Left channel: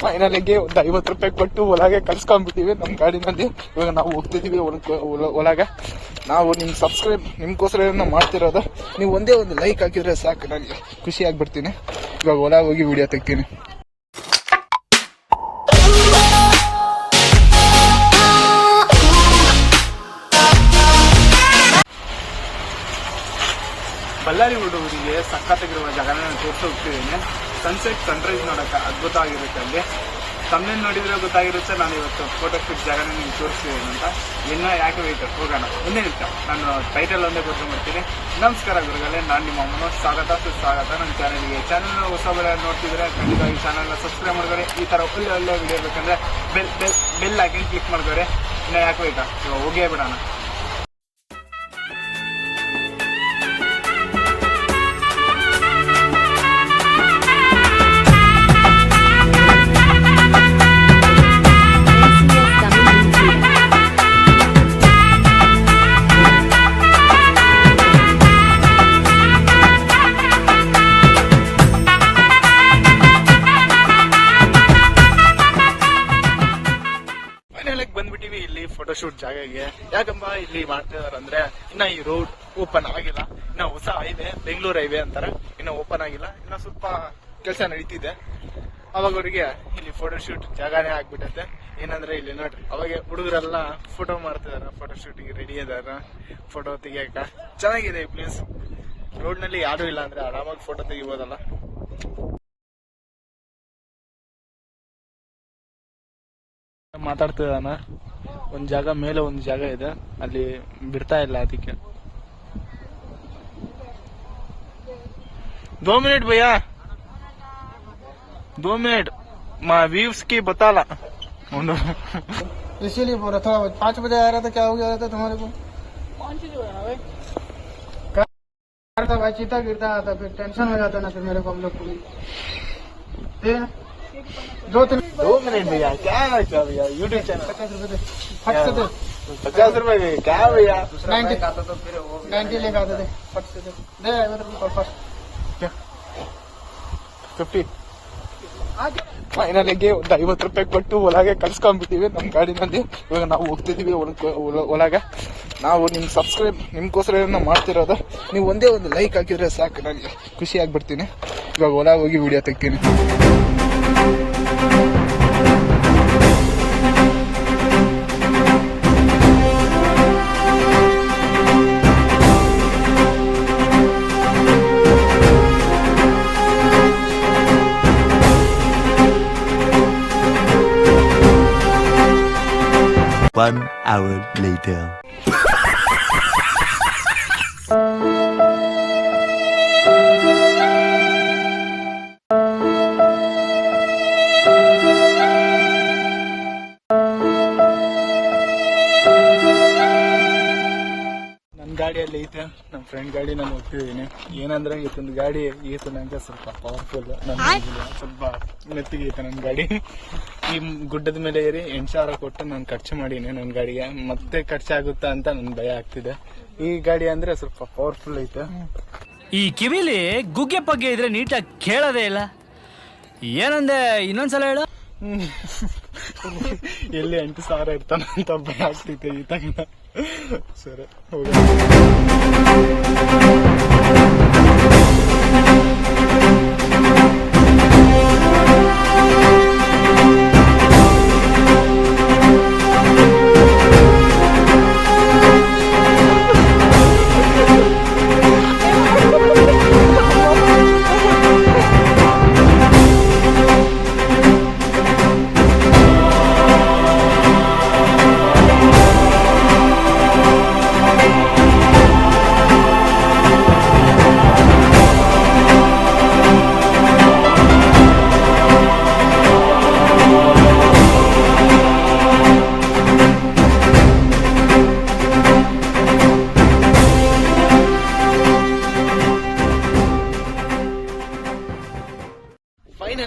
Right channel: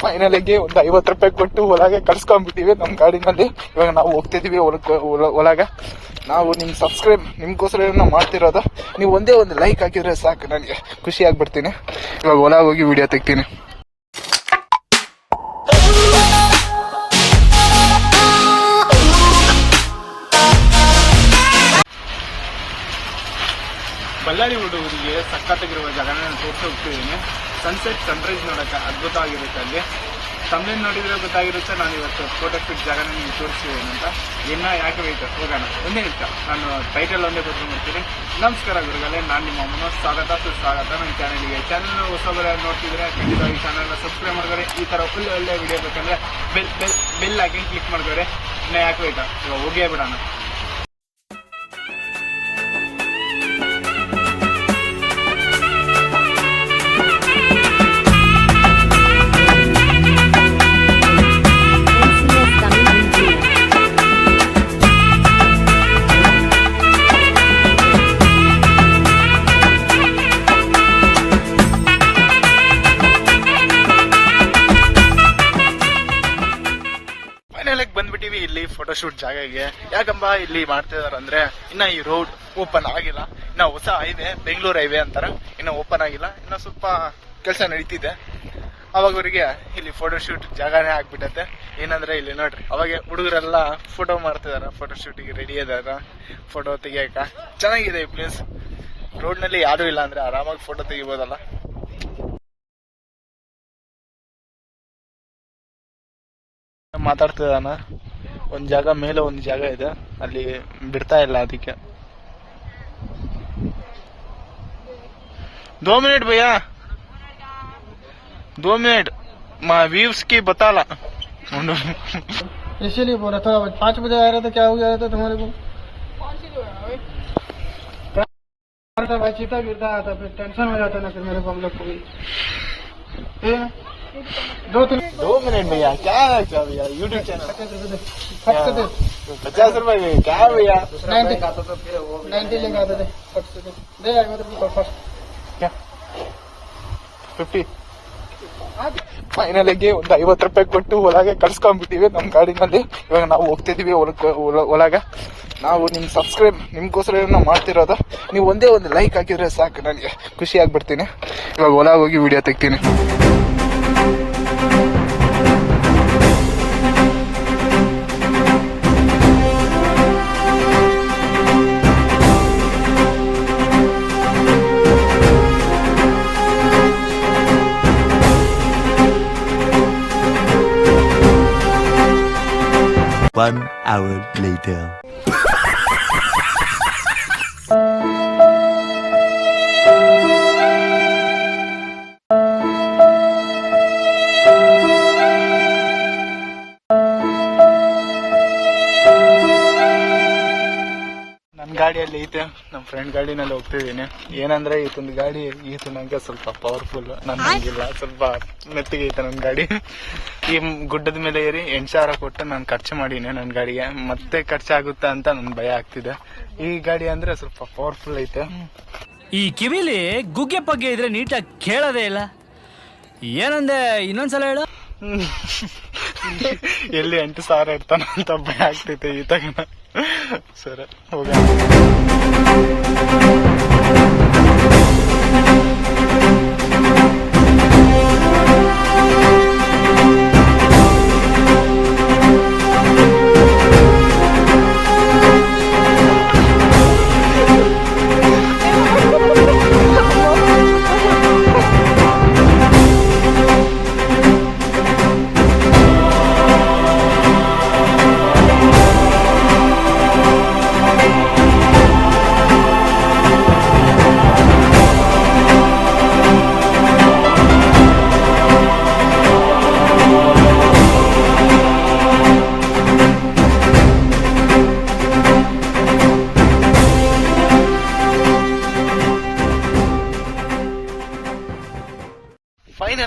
ಫೈನಲಿಗೆ ಒಂದು ಐವತ್ತು ರೂಪಾಯಿ ಕೊಟ್ಟು ಒಳಗೆ ಕಳ್ಸ್ಕೊಂಡ್ಬಿಟ್ಟಿವಿ ನಮ್ಮ ಗಾಡಿನಲ್ಲಿ. ಇವಾಗ ನಾವು ಒಳಗೆ ಒಳಗೆ. ನಾವು ನಿಮ್ಮ ಸಬ್ಸ್ಕ್ರೈಬ್ ನಿಮ್ಗೋಸ್ಕರ ನಾವು ಮಾಡ್ತಿರೋದು. ನೀವು ಒಂದೇ ಒಂದು ಲೈಕ್ ಹಾಕಿದ್ರೆ ಸಾಕು ನನಗೆ ಖುಷಿ ಆಗ್ಬಿಡ್ತೀನಿ. ಇವಾಗ ಒಳಗೆ ಹೋಗಿ ವಿಡಿಯೋ ತೆಗ್ತೀನಿ. ಬಳ್ಳಾರಿ ಹುಡುಗರಿಗೆ ಸಕ್ಕತ್ತಾಗಿರುವ ಜಾಗನ ತೋರಿಸಿ ಹೋಗ್ತಿದ್ದೀನಿ. ಸನ್ಸೆಟ್ ಸನ್ರೈಸ್ ಅದ್ಭುತ ಆಗಿರುತ್ತೆ ಅಲ್ಲಿ. ತಮ್ಮ ನೋಡಿದ್ರೆ ಗೊತ್ತಾಗಿರುತ್ತೆ, ನಾನು ಇವತ್ತು ಫೋಟೋ ಕ್ಲಿಕ್ ಜಾಗ ನಿಮ್ಗೆ ತೋರಿಸ್ತೀನಿ ಅಂತ. ಇನ್ನ ಯಾಕೆ ವೇಟ್ ಹೋಗೋಣ. ಒಂದೇ ನಿಮಿಷ. ನಾನು ಟೈಟಲ್ ಒಂದೇ ಮಾಡ್ತೀನಿ ನಮಸ್ಕಾರ ಗುರುಗಳೇ, ನಾನು ನಿಮ್ಮ ಅಮ್ಮನ ಸ್ವಾಗತ, ಸುಸ್ವಾಗತ. ನನ್ನ ಚಾನಲ್ಗೆ ಚಾನಲ್ ಹೊಸಬರ ನೋಡ್ತಿದ್ರೆ ಖಂಡಿತವಾಗಿ ಚಾನಲ್ನ ಸಬ್ಸ್ಕ್ರೈಬ್ ಮಾಡ್ಕೊರಿ ಈ ಥರ ಒಳ್ಳೆ ಒಳ್ಳೆ ವಿಡಿಯೋ ಬೇಕಂದ್ರೆ ಬೆಲ್ ಬೆಲ್ ಬೆಲ್ ಹಾಕಿ ಕ್ಲಿಕ್ ಮಾಡ್ಕೊರಿ ಇನ್ನ ಯಾಕೆ ವೇಟ್ ಇವಾಗ ಹೋಗೇ ಬಿಡೋಣ. ಫೋಟೋಶೂಟ್ ಜಾಗಕ್ಕೆ. ಯಾಕಂಬ ಇಲ್ಲಿ ಮಾಡ್ತಾ ಇದಾರೆ ಅಂದ್ರೆ ಇನ್ನ ಈ ರೋಡ್ ಓಪನ್ ಆಗಿಲ್ಲ. ಇನ್ನ ಹೊಸ ಹೈವೇ ಬೆಂಗಳೂರು ಹೈವೇ ಅಂತಾರ. ಇನ್ನ ಓಪನ್ ಆಗಿಲ್ಲ. ಇನ್ನ ಸ್ವಲ್ಪ ಕೆಲಸ ನಡೀತಿದೆ. ಅವಾಗ ಅವರಿಗೆ ಇಲ್ಲಿ ಫೋಟೋಶೂಟ್ ಜಾಗನೇ ಆಗ್ಬಿಟ್ಟತೆ. ಏನಂದ್ರೆ ಇಲ್ಲಿ ನೋಡ್ರಿ, ಅವಾಗ ಹುಡುಗರೆಲ್ಲ ಫೋಟೋ ಮಾಡ್ತಿದಾರ. ಫೋಟೋಶೂಟಿಗೆ ರೆಡಿ ಇದಾರ. ಫೋಟೋ ತೆಗಿಯಕ. ಚೆನ್ನಾಗಿದೆ ಈ ಪ್ಲೇಸ್ ರೋಡ್ನಲ್ಲಿ ಯಾರು ಇಲ್ಲ ಅಂದ್ರೆ ಆರಾಮಾಗಿ ಫೋಟೋ ತೆಗಿಬೋದಲ್ಲ. ಮಾತಾಡ್ತಿದ್ದಾನ ಒಂದ್ ಜಾಗ ಮೇಲೆ ಒಂದ್ ಜಾಗ ಇದೆ ಅಲ್ಲಿ ಬಿಡ್ತಾ ಇಲ್ಲ ಅದಕ್ಕೆ दो मिनट भैया दो मिनट माँ व्यूज की बता ला इसीलिए बोला थोड़ा बहुत पाँच बजे आ रहा था क्या हो गया था तुम्हारे को क्या था भाई चीता गिरता था फिर टेंशन हो जाता ना फिर मेरे को हम लोग को भी ये, दो तीन दो मिनट भैया क्या है क्या भैया यूट्यूब चैनल पचास रुपए दे फट से दे पचास रुपए भैया क्या भैया नाइन्टी नाइन्टी लेके आते थे फट से दे दे मेरे को फर्स्ट ಫಿಫ್ಟಿ ಫೈನಲಿಗೆ ಒಂದು ಐವತ್ತು ರೂಪಾಯಿ ಕೊಟ್ಟು ಒಳಗೆ ಕಳ್ಸ್ಕೊಂಡ್ಬಿಟ್ಟಿವಿ ನಮ್ಮ ಗಾಡಿನಲ್ಲಿ ಇವಾಗ ನಾವು ಹೋಗ್ತಿದೀವಿ ಒಳಗೆ ಒಳಗೆ ನಾವು ನಿಮ್ ಸಬ್ಸ್ಕ್ರೈಬ್ ನಿಮ್ಗೋಸ್ಕರ ನಾವು ಮಾಡ್ತಿರೋದು ನೀವು ಒಂದೇ ಒಂದು ಲೈಕ್ ಹಾಕಿದ್ರೆ ಸಾಕು ನನಗೆ ಖುಷಿ ಆಗ್ಬಿಡ್ತೀನಿ ಇವಾಗ ಒಳಗೆ ಹೋಗಿ ವಿಡಿಯೋ ತೆಗ್ತೀನಿ One hour later. ಗಾಡಿಯಲ್ಲಿ ಐತೆ ನಮ್ಮ ಫ್ರೆಂಡ್ ಗಾಡಿನಲ್ಲಿ ಹೋಗ್ತಿದ್ದೀನಿ. ಏನಂದ್ರೆ ಈತನ ಗಾಡಿ ಈತನಂಗೆ ಸ್ವಲ್ಪ ಪವರ್ಫುಲ್ ನನಗಿಲ್ಲ ಸ್ವಲ್ಪ ಮೆತ್ತಿಗೆ ಐತೆ ನನ್ನ ಗಾಡಿ. ಈ ಗುಡ್ಡದ ಮೇಲೆ ಏರಿ ಎಂಟು ಸಾವಿರ ಕೊಟ್ಟು ನಾನು ಖರ್ಚು ಮಾಡೀನಿ ನನ್ನ ಗಾಡಿಗೆ. ಮತ್ತೆ ಖರ್ಚಾಗುತ್ತಾ ಅಂತ ನನ್ ಭಯ ಆಗ್ತಿದೆ. ಈ ಗಾಡಿ ಅಂದ್ರೆ ಸ್ವಲ್ಪ ಪವರ್ಫುಲ್ ಐತೆ. ಈ ಕಿವಿಲಿ ಗುಗ್ಗೆ ಪಗ್ಗೆ ಇದ್ರೆ ನೀಟಾಗಿ ಕೇಳೋದೇ ಇಲ್ಲ. ಏನಂದೆ ಇನ್ನೊಂದ್ಸಲ ಹೇಳು. ಎಲ್ಲಿ ಎಂಟು ಸಾವಿರ ಇರ್ತಾನ ಅಂತ ಭಯ ಆಗ್ತೈತೆ ಈತಗನ. ಸರಿ ಹೋಗ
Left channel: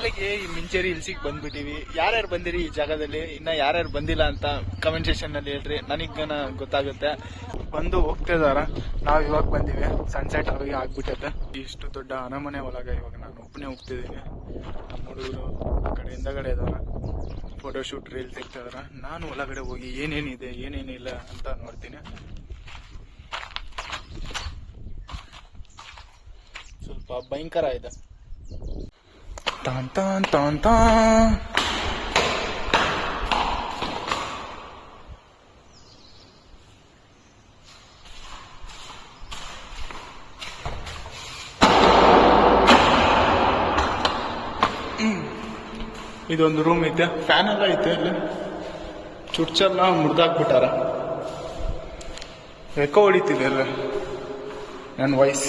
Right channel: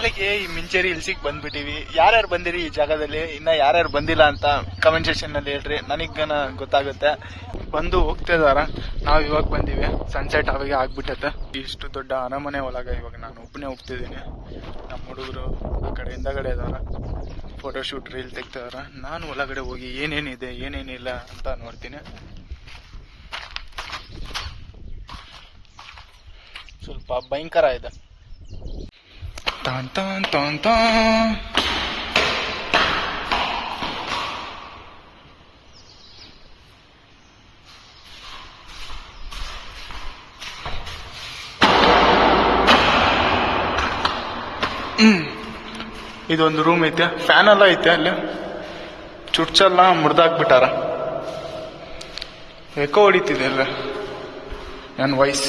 ಆಗಿ ಈ ಮಿಂಚೇರಿ ಹಿಲ್ಸಿಗೆ ಬಂದ್ಬಿಟ್ಟಿವಿ ಯಾರ್ಯಾರು ಬಂದಿರಿ ಈ ಜಾಗದಲ್ಲಿ? ಇನ್ನ ಯಾರ್ಯಾರು ಬಂದಿಲ್ಲ ಅಂತ ಕಮೆಂಟ್ ಸೆಕ್ಷನ್ನಲ್ಲಿ ಹೇಳ್ರಿ. ನನಗನ ಗೊತ್ತಾಗುತ್ತೆ. ಬಂದು ಹೋಗ್ತಾ ಇದಾರ. ನಾವ್ ಇವಾಗ ಬಂದಿವಿ. ಸನ್ಸೆಟ್ ಅವಾಗ ಆಗ್ಬಿಟ್ಟತೆ. ಇಷ್ಟು ದೊಡ್ಡ ಅರಮನೆ ಒಳಗ ಇವಾಗ ನಾನು ಒಬ್ಬನೇ ಹೋಗ್ತಿದ್ದೀನಿ ನಮ್ಮ ಹುಡುಗರು ಆ ಕಡೆ ಹಿಂದಗಡೆ ಇದಾರ. ಫೋಟೋಶೂಟ್ ರೀಲ್ ತೆಗ್ತಿದಾರ ನಾನು ಒಳಗಡೆ ಹೋಗಿ ಏನೇನಿದೆ, ಏನೇನಿಲ್ಲ ಅಂತ ನೋಡ್ತೀನಿ. ಸ್ವಲ್ಪ ಭಯಂಕರ ಇದೆ. ತಾನ್ ತಾನ್ ತಾ ಹ್ಮ್. ಇದೊಂದು ರೂಮ್ ಐತೆ. ಫ್ಯಾನ್ ಎಲ್ಲ ಐತೆ ಅಲ್ಲಿ. ಚುಡ್ಚೆಲ್ಲ ಮುರಿದಾಕ್ಬಿಟ್ಟಾರ. ಎಕೋ ಹೊಡಿತಿದೆ ಅಲ್ಲ ನನ್ನ ವಾಯ್ಸ್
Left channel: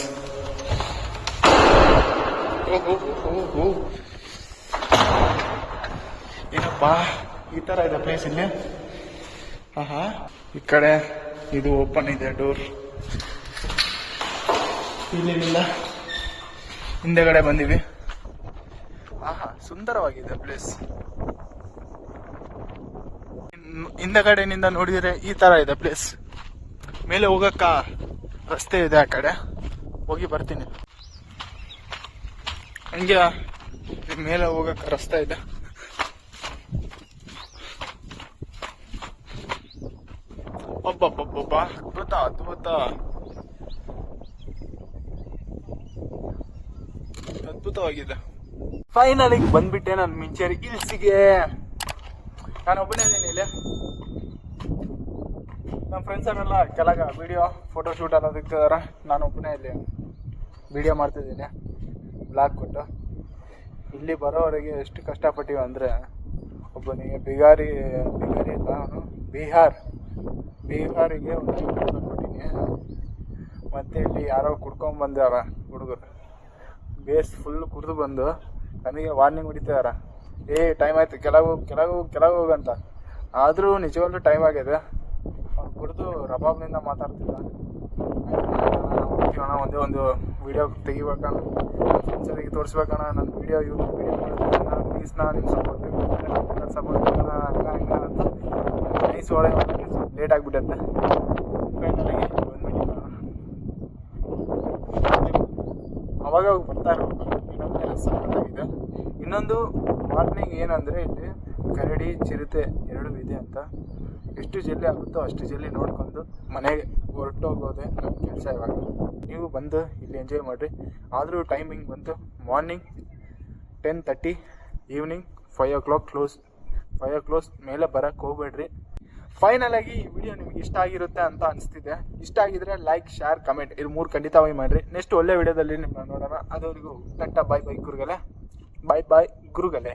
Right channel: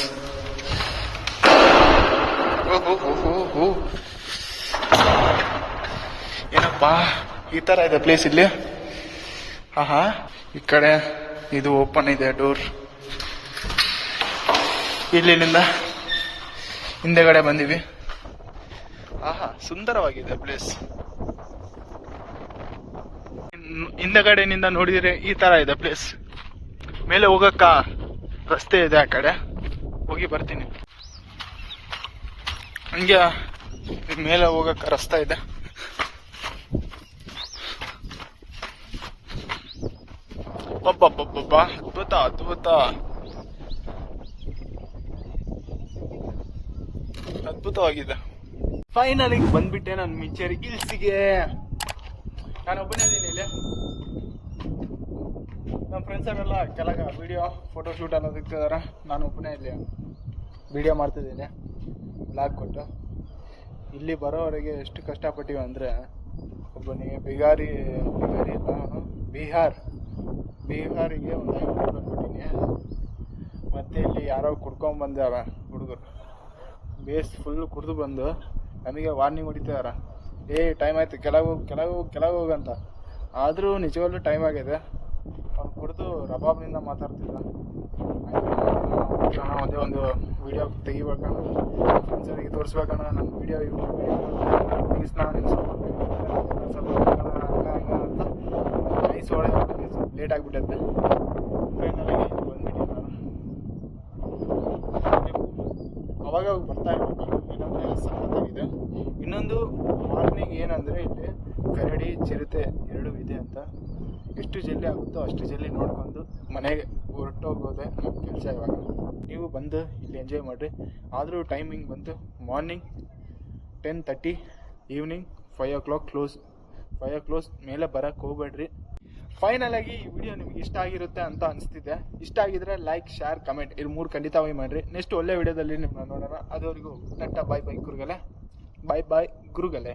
ಏನಪ್ಪಾ ಈ ತರ ಇದೆ ಪ್ಲೇಸ್ ಇಲ್ಲಿ. ಆಹಾ, ಈ ಕಡೆ ಇದು ಓಪನ್ ಇದೆ ಡೋರ್ ಇಲ್ಲಿಂದ ಹಿಂದೆಗಡೆ ಬಂದಿವಿ. ಆಹಾ, ಸುಂದರವಾಗಿದೆ ಪ್ಲೇಸ್ ಹಿಂದಗಡೆನಿಂದ ನೋಡಿದ್ರೆ ಈ ತರ ಇದೆ ಪ್ಲೇಸ್ ಮೇಲೆ ಹೋಗಕ್ಕ ರಸ್ತೆ ಇದೆ ಆ ಕಡೆ. ಹೋಗಿ ಬರ್ತೀನಿ. ಹಂಗೆ ಮೇಲೆ ಹೋಗಕ್ಕ ರಸ್ತೆ ಇದೆ. ಒಬ್ಬಬ್ಬಬ್ಬಬ್ಬ ಅದ್ಭುತ ಅದ್ಭುತ ಅದ್ಭುತವಾಗಿದೆ. ಫೈನಲಿ ಬಂದ್ಬಿಟ್ಟೆ ನಾನು ಮಿಂಚೇರಿ. ಇಲ್ಸಿಗೆ. ನಾನು ಒಬ್ಬನೇ ಇದ್ದೀನಿ ಇಲ್ಲಿ. ನಮ್ಮ ಫ್ರೆಂಡ್ಸ್ ಅವರೆಲ್ಲ ಕೆಳಗ ವಿಡಿಯೋ ಫೋಟೋ ಶೂಟ್ ಅನ್ನೋದಕ್ಕೆ ನಾನು ಒಬ್ಬನೇ ಇಲ್ಲಿ ವಿಡಿಯೋ ಮಾಡ್ತಿದ್ದೀನಿ. ಬ್ಲಾಗ್ ಕೊಟ್ಟು. ಇಲ್ಲಿ ಬರೋವರೆಗೆ ಎಷ್ಟು ಕಷ್ಟಪಟ್ಟಿವಿ ಅಂದರೆ, ಒಬ್ಬನಿಗೆ ಬಿಗಾರಿ ಬಿಗಾರಿ ಇಲ್ಲ ಅವನು, ಬಿಹಾರ್. ಬಿಹಾರಿಗೆ ಒಂದು ಐದು ಕೊಟ್ಟಿನಿ. ಮತ್ತು ಇಲ್ಲಿ ಯಾರೋ ಕುಡ್ಕೊಂಬಂದಾರ ಹುಡುಗರು. ಬೇಸ್ ಫುಲ್ ಕುಡಿದು ಬಂದು ನಮಗೆ ವಾರ್ನಿಂಗ್ ಹೊಡಿತಿದಾರ ಏ ಟೈಮ್ ಆಯ್ತು, ಕೆಳಗೆ ಕೆಳಗೆ ಕೆಳಗೆ ಹೋಗಂತ ಆದರೂ ನಿಜವಾಗ್ಲೂ ಟೈಮ್ ಆಗಿದೆ. ಅವ್ನು ಕುಡಿದು ರಬಾಬ್ನಿಂದ ಮಾತಾಡ್ತಿದ್ದ. ಅಣ್ಣ ಒಂದೇ ಒಂದು ವಿಡಿಯೋ ತೆಗಿಬೇಕಣ್ಣ ಫ್ರೆಂಡ್ಸರಿಗೆ ತೋರಿಸ್ಬೇಕಣ್ಣ ನನ್ನ ವಿಡಿಯೋ ಯೂಟ್ಯೂಬ್ ವಿಡಿಯೋ ಮಾಡ್ತೀನಿ ಪ್ಲೀಸ್ ನಾ ನಿಮ್ಮ ಸಪೋರ್ಟ್ ಸಪೋರ್ಟ್ ಹಂಗ ಹಂಗ ಅಂತ. ನೈಸ್ ಒಳ್ಳೆ ಲೇಟ್ ಆಗಿಬಿಟ್ಟೈತೆ ಫೈನಲಾಗಿ ಬಂದ್ಬಿಟ್ಟು ನಾನು ಅವಾಗ ಬರ್ತಾ ಇರ್ಬೇಕು. ಏನಂದರೆ ಸಖತ್ತಾಗಿದೆ ಇನ್ನೊಂದು ವಾರ್ನಿಂಗ್ ಏನಂದ್ರೆ ಇಲ್ಲಿ ಕರಡಿ, ಚಿರತೆ ಎರಡೂ ಇದೆ ಅಂತ. ಎಷ್ಟು ಜಲ್ದಿ ಆಗುತ್ತೋ ಅಷ್ಟು ಜಲ್ದಿ ನೋಡ್ಕೊಂಡು ಮನೆಗೆ ಹೊರಟೋಗೋದೆ ನಮ್ಮ ಕೆಲಸ ಇವಾಗ. ನೀವು ಬಂದು ಇಲ್ಲಿ ಎಂಜಾಯ್ ಮಾಡಿರಿ. ಆದರೂ ಟೈಮಿಂಗ್ ಬಂತು. Morning ten thirty evening five o'clock close five o close ಮೇಲೆ ಬರೋಕ್ಕೆ ಹೋಗ್ಬೇಡ್ರಿ. ಫೈನಲ್ ಆಗಿ ಈ ವಿಡಿಯೋ ನಿಮ್ಗೆ ಇಷ್ಟ ಆಗಿರುತ್ತೆ ಅಂತ ಅನಿಸ್ತಿದೆ. ಇಷ್ಟ ಆಗಿದ್ರೆ ಲೈಕ್ ಶೇರ್ ಕಮೆಂಟ್ ಇದು ಮೂರು ಖಂಡಿತವಾಗಿ ಮಾಡಿರಿ. ನೆಕ್ಸ್ಟ್ ಒಳ್ಳೆ ವಿಡಿಯೋದಲ್ಲಿ ನಿಮ್ಮನ್ನ ನೋಡೋಣ. ಅದವರಿಗೂ ಟಟ್ಟ ಬಾಯ್ ಬಾಯ್ ಗುರುಗಲೆ ಬಾಯ್ ಬಾಯ್ ಗುರುಗಲೆ